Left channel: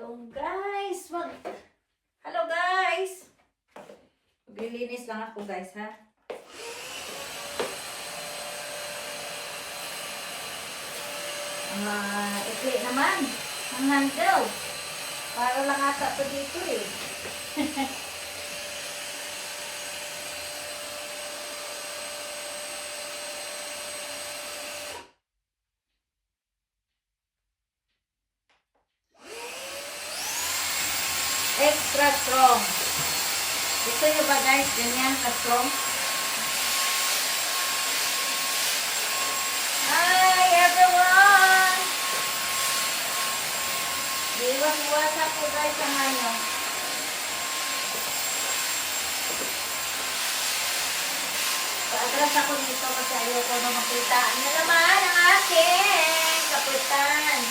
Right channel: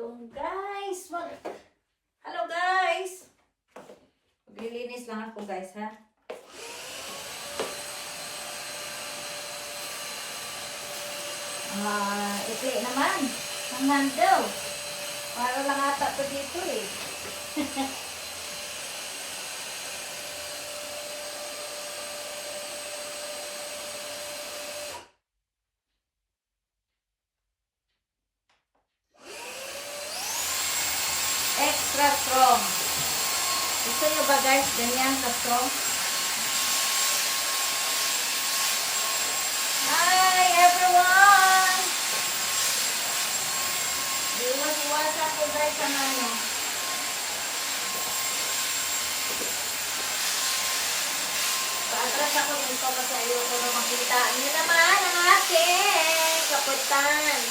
gutom, guys. Hello, guys. Maglilinis lang ako, guys, ha? Ikli naman. Ang handle. Para lang ata to dito, eh. Extra strong. Gusto nyo ba, guys, ganyan ka-strong? Hi, everyone! Iwas-iwasan ko, guys, ang ano. Paadras ako dito kasi ayoko na makita. Ano naman ang aking kapitan?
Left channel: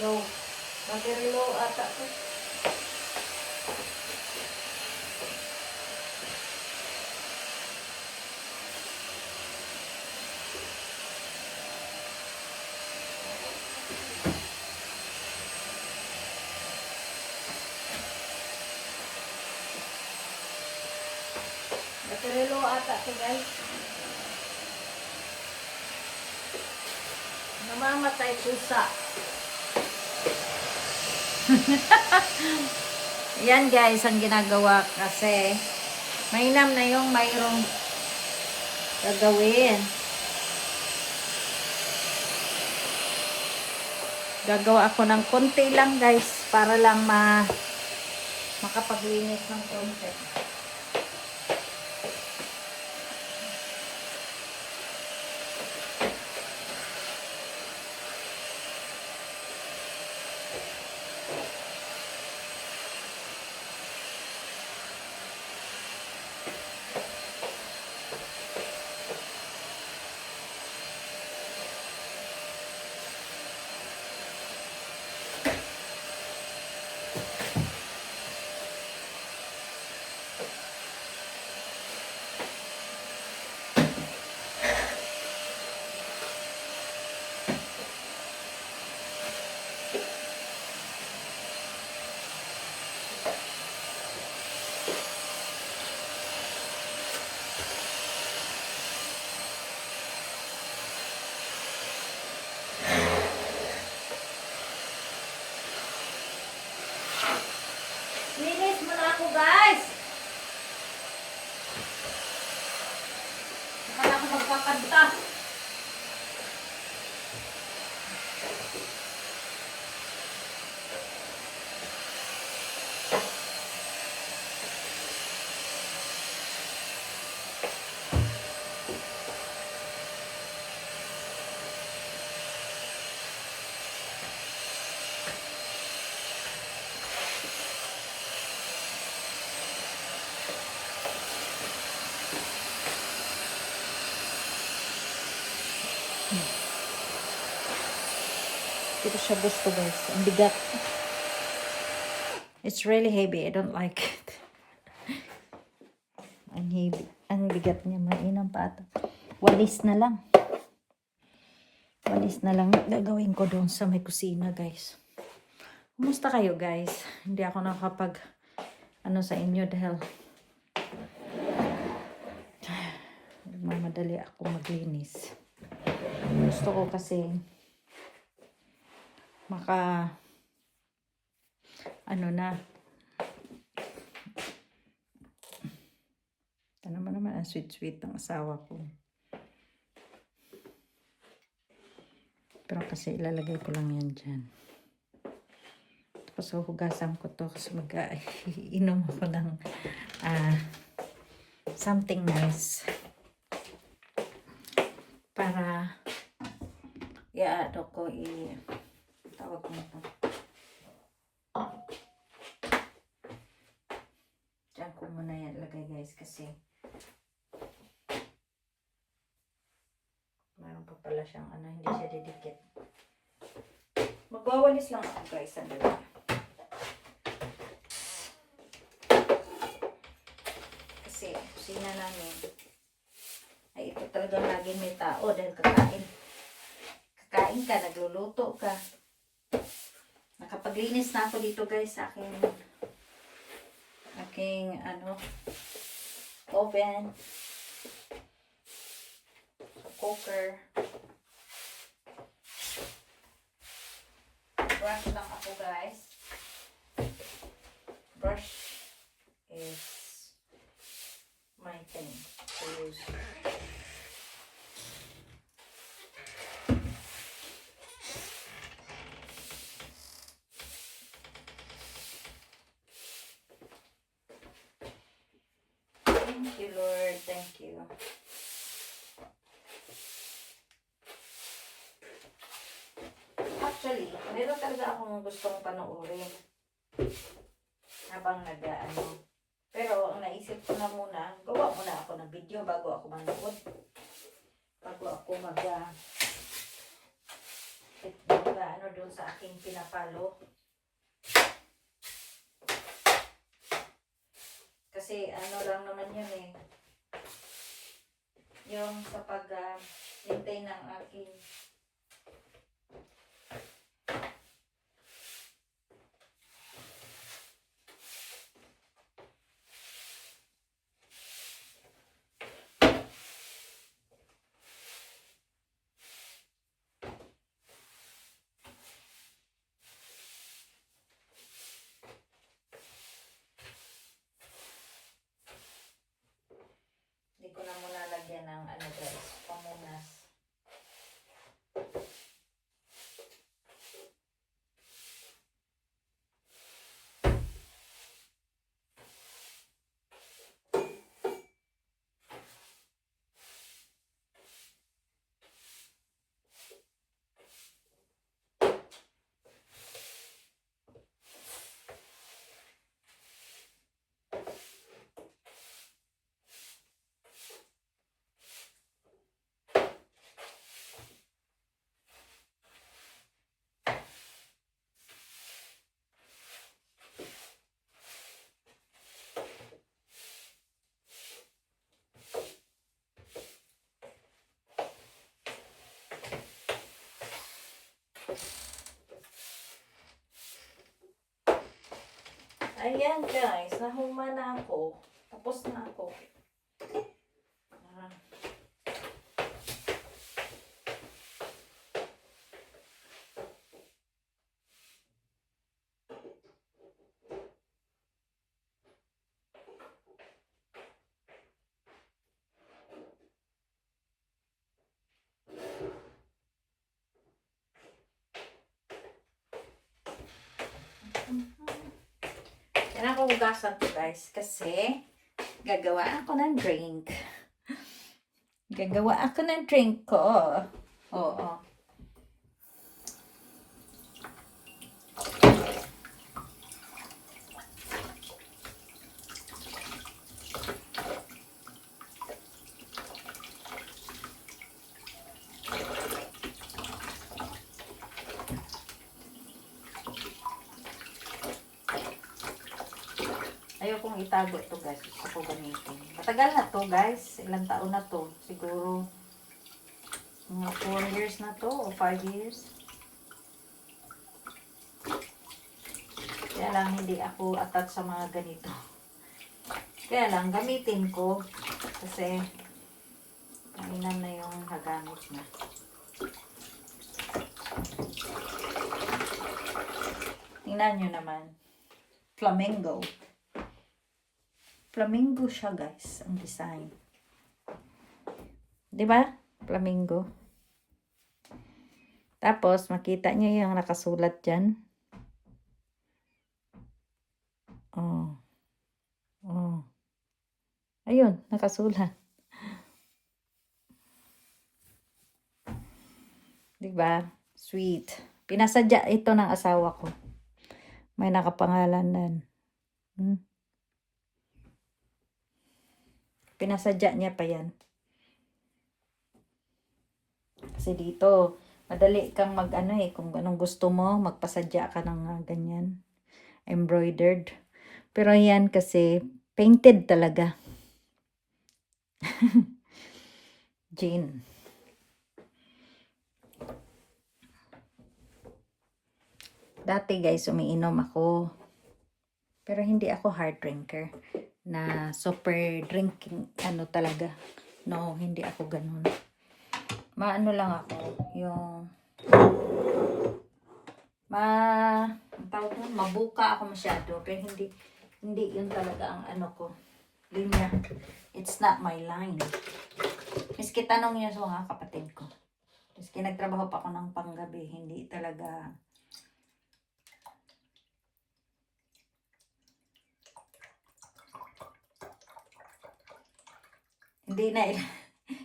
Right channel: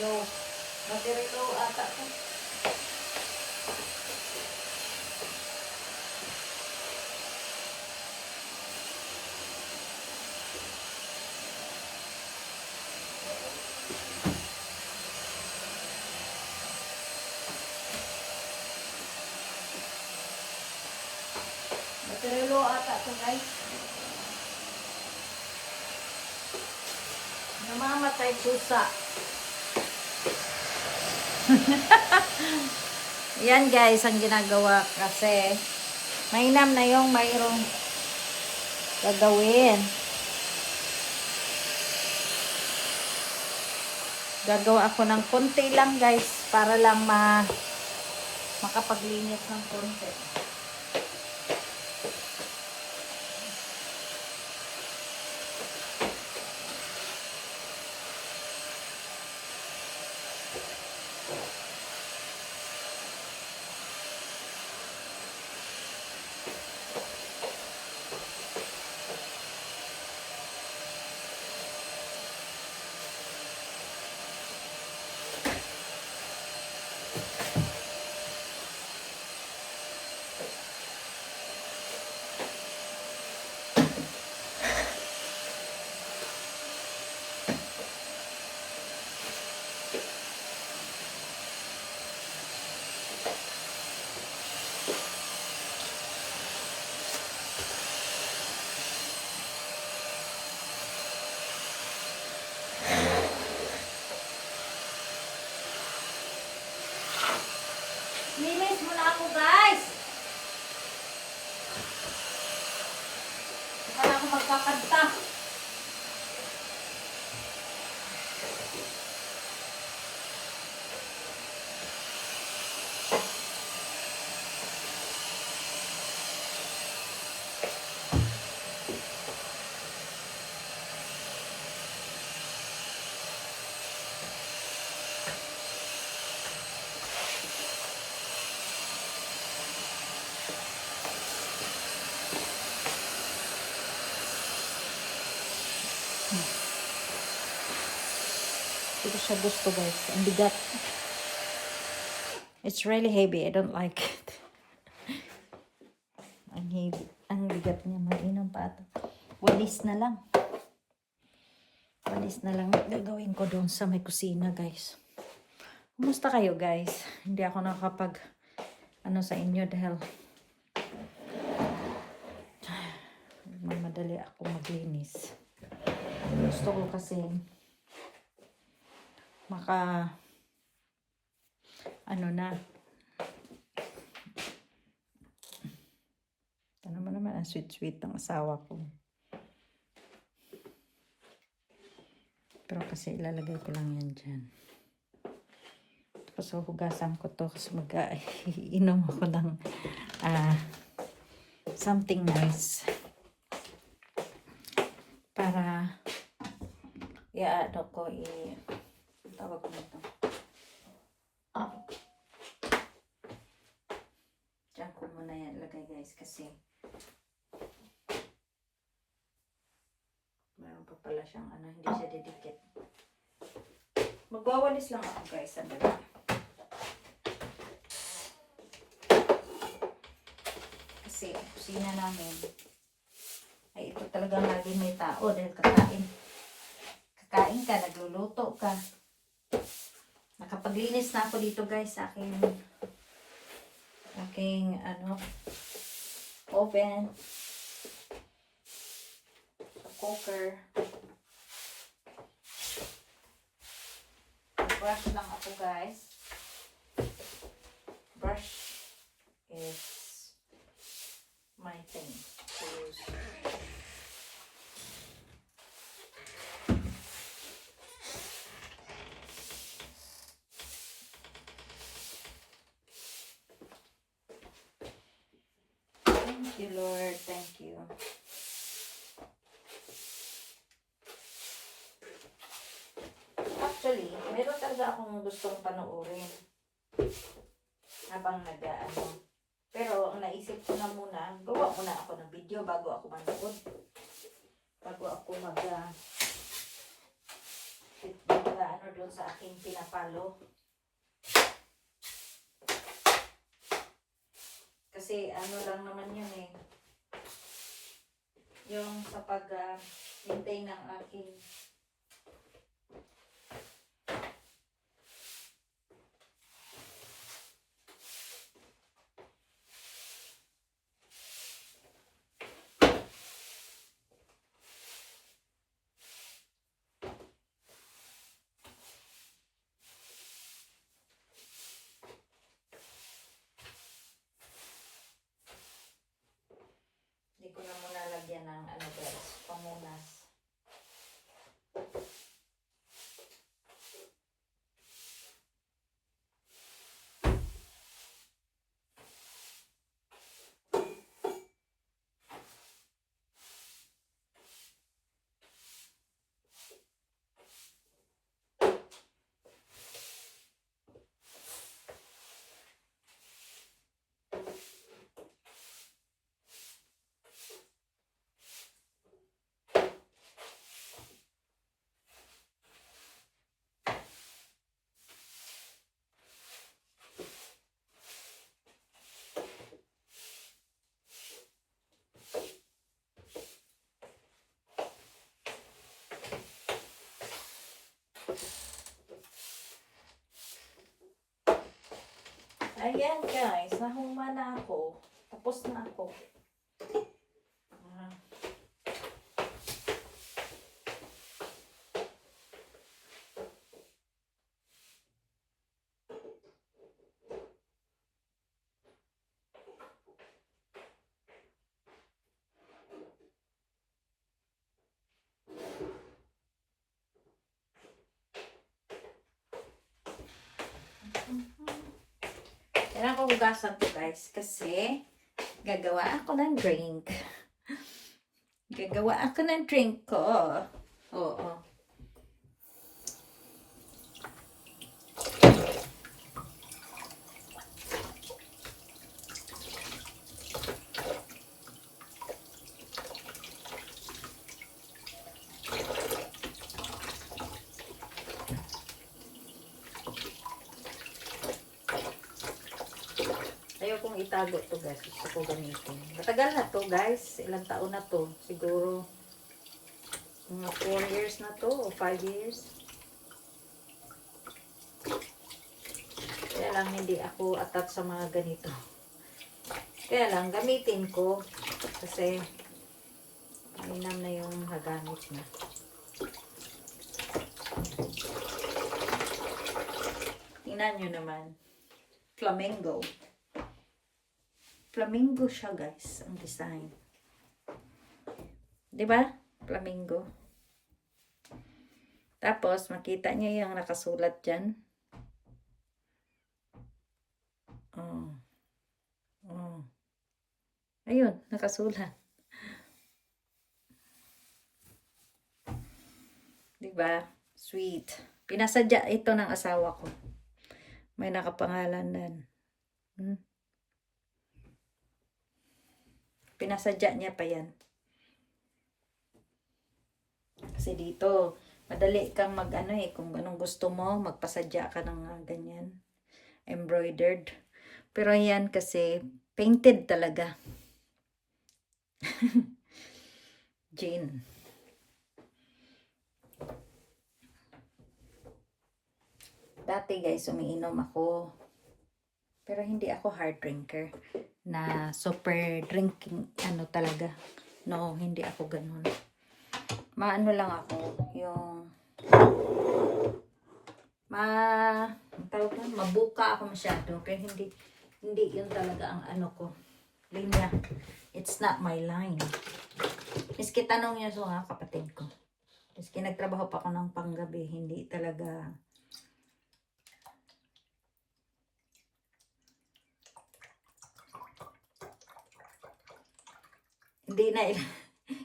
Yo, materlo ata ko. Materlo ata ko, guys. Namamatay pusa. Yan, guys, ang ginagawa kasi mainam na yung mayroong gagawin. Gagawa ako ng konti lang, guys, para lang makapaglinis ng konti. Linis mo na ako, guys. Kaya ako magkakanta. Dito siya gusto, guys. Ang bigat. It's really heavy. I don't like it. Ang heavy. Ang bigat niya. Mainam pa ito. Walis na lang. Walis na lang. Gagawin ko doon sa may kusina, guys. Kumusta kayo, guys? Hindi ako nakapag sa inyo dahil mamadali ako maglinis. Gusto ko kasi na naman ang sweet ng asawa ko. Pero kasi ilalagay ko lang yan dyan. Tapos hugasan ko to kasi mag-inom ako ng something nice para tawag nito? Diyan ko muna yan lagay guys kasi meron pa pala siyang ano, hindi siya didikit. Magwawalis lang ako guys, sandali. Kasi kusina namin ay ito talagang lagi may tao dahil kakain. Kakain ka, nagluluto ka. Nakapaglinis na ako dito guys sa aking ano, oven. Cooker. Brush lang ako guys. Brush is my thing to use. Thank you, Lord. Thank you. Actually, meron talaga akong gustong panoorin habang nag-ano. Pero, ang naisip ko na muna, gawa muna ako ng video bago ako manood. Bago ako ano doon sa aking pinapalo. Kasi, ano lang naman yun eh. Yung sa pag-maintain ng aking hindi ko na muna lagyan ng ano guys, pamunas. Ayan guys, nahuma na ako. Tapos na ako. Kailangan ko hugasan to guys kasi gagawa ako ng drink. Gagawa ako ng drink ko. Oo. Ayokong itago to guys. Gusto ko gamitin. Matagal na to guys. Ilang taon na to. Siguro mga 4 years na to o 5 years. Kaya lang hindi ako attached sa mga ganito. Kaya lang gamitin ko kasi kailan na yung hagamit na. Tingnan nyo naman. Flamingo. Flamingo siya guys, ang design. Diba? Flamingo. Tapos, makita niyo yung nakasulat dyan. Oh. Oh. Ayun, nakasulat. Diba? Sweet. Pinasadya ito ng asawa ko. May nakapangalanan. Pinasadya niya pa yan. Kasi dito, madali kang kung anong gusto mo, magpasadya ka ng ganyan. Embroidered. Pero yan kasi, painted talaga. Jean. Dati guys, umiinom ako. Pero hindi ako hard drinker. Na super drinking, talaga. No, hindi ako ganun. Maano lang ako, yung mabuka ako masyado. Kaya hindi yun talaga ang ko. Linya. It's not my line. Miski tanong niya sa mga kapatid ko. Miski nagtrabaho pa ako ng panggabi, hindi talaga.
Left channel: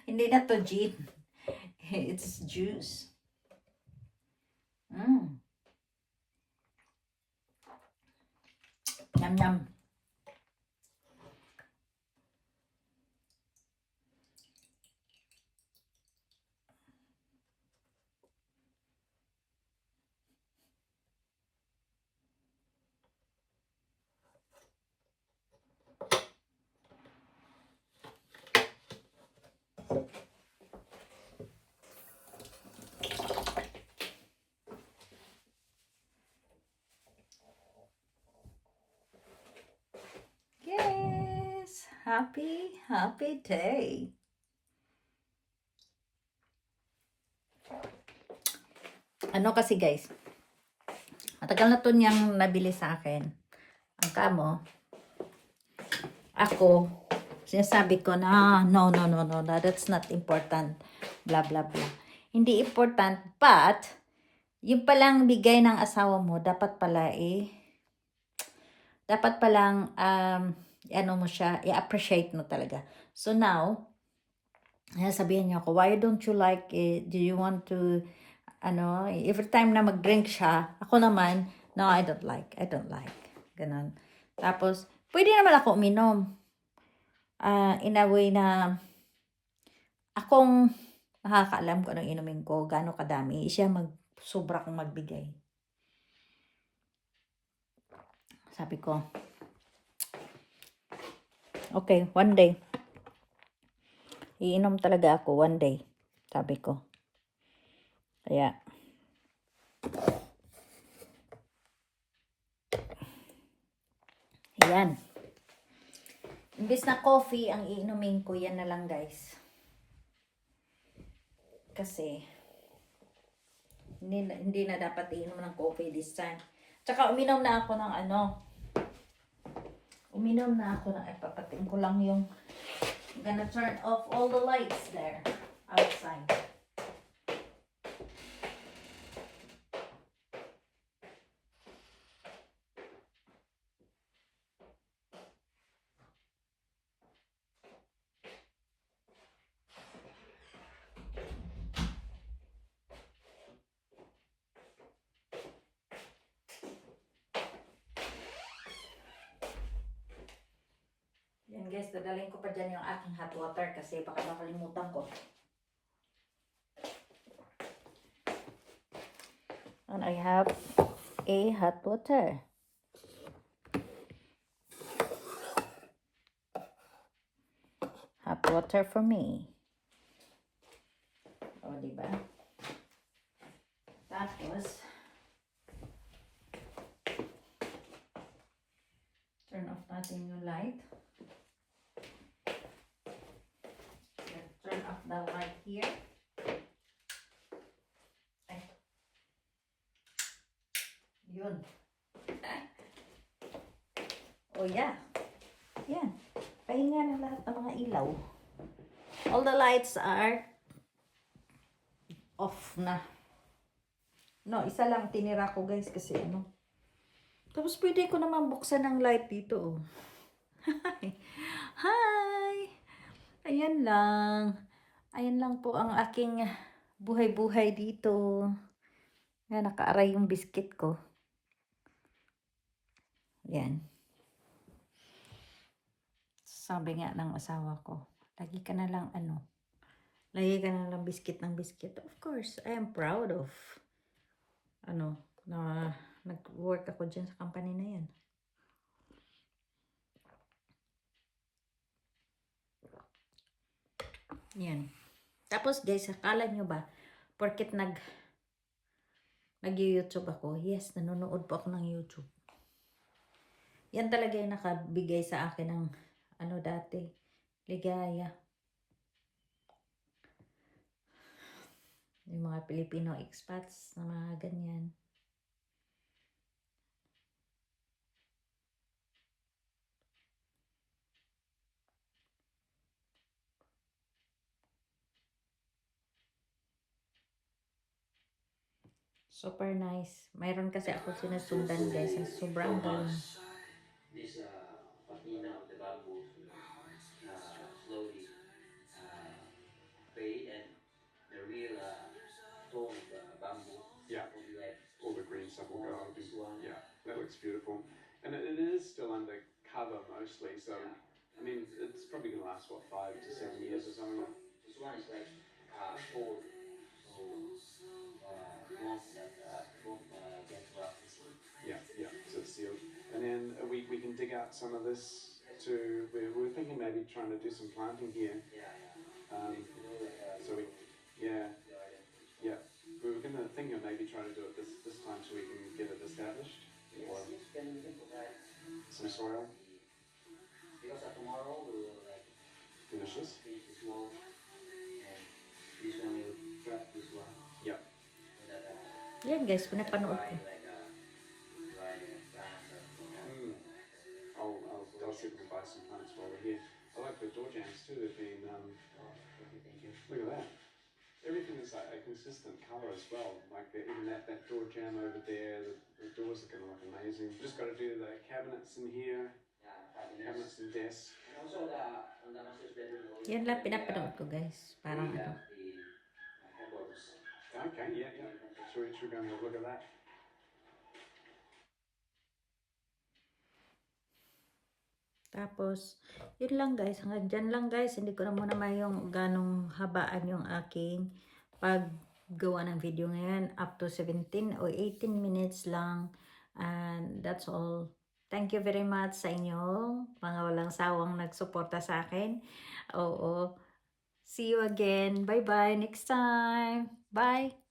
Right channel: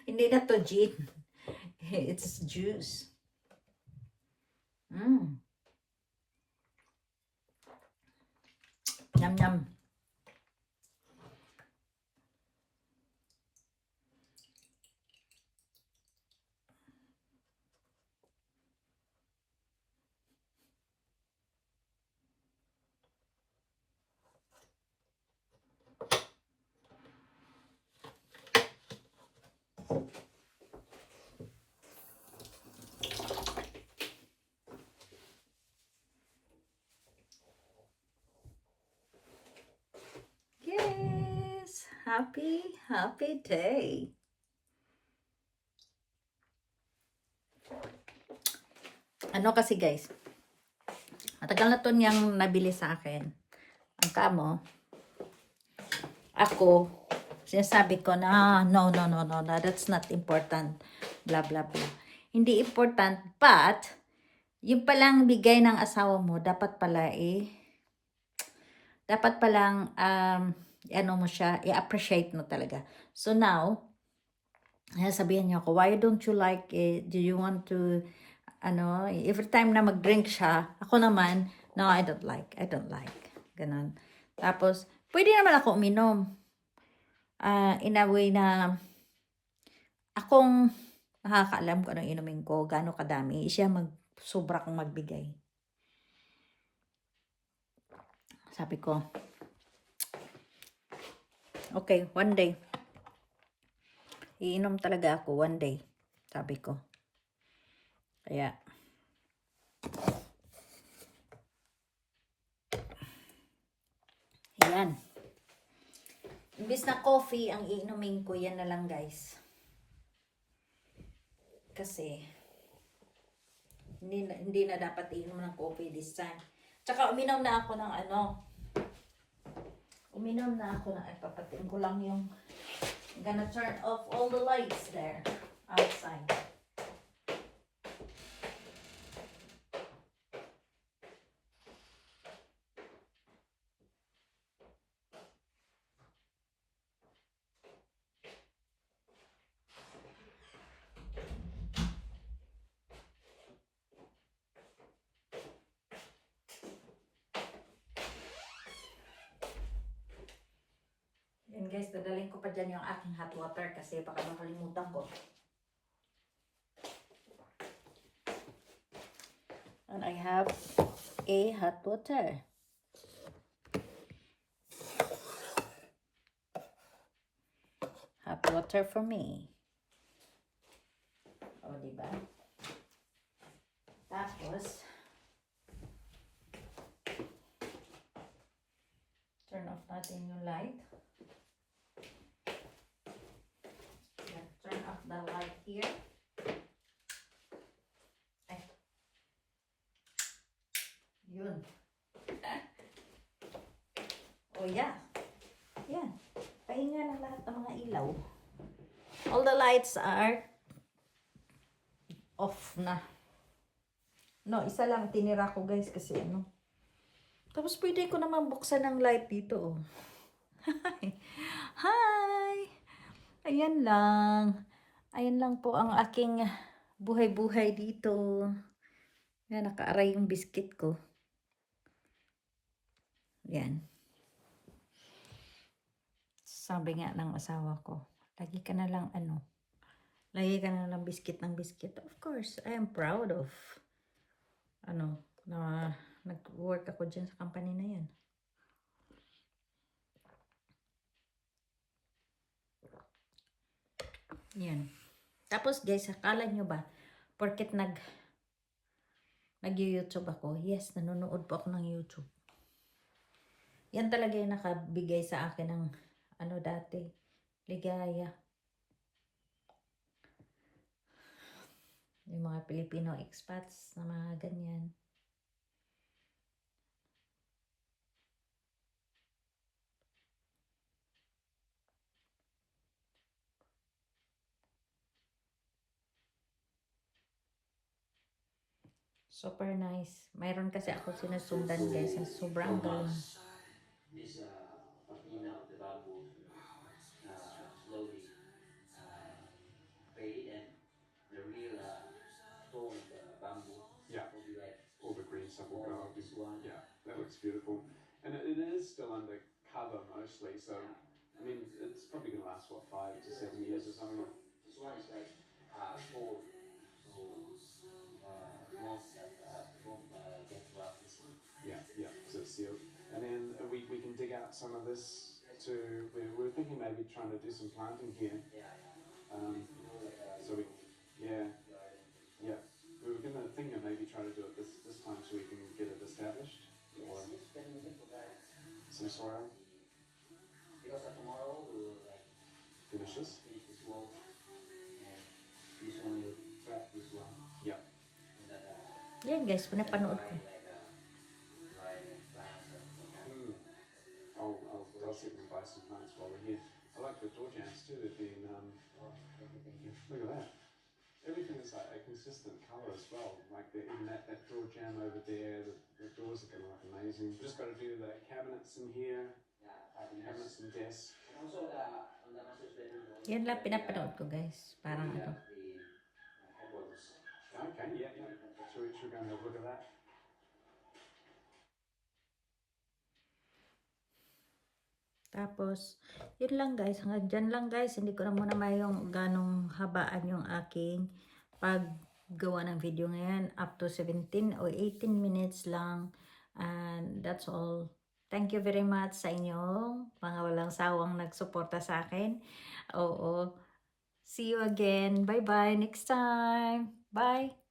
Hindi na to gin. It's juice. Yum yum. Yes, happy day. Kasi guys, matagal na to niyang nabili sa akin. Ang kamo, ako, sinasabi ko na, no, that's not important. Blah, blah, blah. Hindi important, but, yung palang bigay ng asawa mo, dapat palang, mo siya, i-appreciate mo talaga. So now, sabihin niya ako, why don't you like it? Do you want to, every time na mag-drink siya, ako naman, no, I don't like. Ganun. Tapos, pwede naman ako uminom. In a way na, akong nakakaalam ko anong inumin ko, gaano kadami, siya sobra kong magbigay. Sabi ko, okay, one day, iinom talaga ako one day. Sabi ko. Kaya, yan. Imbis na coffee, ang iinumin ko, yan na lang guys. Kasi, hindi na dapat iinom ng coffee this time. Tsaka uminom na ako ng ipapatin ko lang yung, I'm gonna turn off all the lights there, outside. Yan guys, dadalhin ko pa dyan yung aking hot water kasi baka makalimutan ko. And I have a hot water. Hot water for me. O, diba? Tapos, turn off natin yung light. Turn off the light here. Yun. Oh yeah. Yan. Pahinga ng lahat ng mga ilaw. All the lights are off na. No, isa lang tinira ko guys kasi Tapos pwede ko naman buksan ng light dito. Hi! Hi! Ayan lang. Ayan lang po ang aking buhay-buhay dito. Yan, nakaaray yung biscuit ko. Yan. Sabi nga ng asawa ko, lagi ka na lang lagi ka na lang biscuit ng biscuit. Of course, I am proud of na nag-work ako dyan sa company na yan. Yan. Tapos guys, akala nyo ba, porket nag-YouTube ako, yes, nanonood po ako ng YouTube. Yan talaga yung nakabigay sa akin ng dati, ligaya. Yung mga Filipino expats na mga ganyan. Super nice. Mayroon kasi ako sinusundan guys. Sobrang galing. This patina of the bamboo slowly faded, and the real tone of bamboo will be like all the green stuff will go. this one. Yeah, that looks beautiful. And it is still under cover mostly, so I mean, it's probably going to last, what, 5 to 7 years or something? This one is like cold, so won't get rough easily. Yeah, so it's sealed. And then we can dig out some of this to, we're thinking maybe trying to do some planting here. So yeah, we were going to think of maybe trying to do it this time so we can get it established. Or some soil. Because tomorrow we will Finish this. finish this wall, and this one will prep this one. Yeah. Yan guys, pinapanood ko. I'll see if we can buy some plants while we're here. I like the door jams too. They've been look at that. Everything is like a consistent colour as well. Like even that door jam over there. The doors are going to look amazing. Just got to do the cabinets in here. Cabinets and desks. And also on the master's bedroom. Yan lang pinapanood ko guys. Parang The headboards. Okay, yeah. Should we go and have a look at that? Tapos, yun lang guys. Hanggang dyan lang guys. Hindi ko na muna may yung ganong habaan yung aking paggawa ng video ngayon. Up to 17 or 18 minutes lang. And that's all. Thank you very much sa inyong mga walang sawang nagsuporta sa akin. Oo. See you again. Bye-bye. Next time. Bye.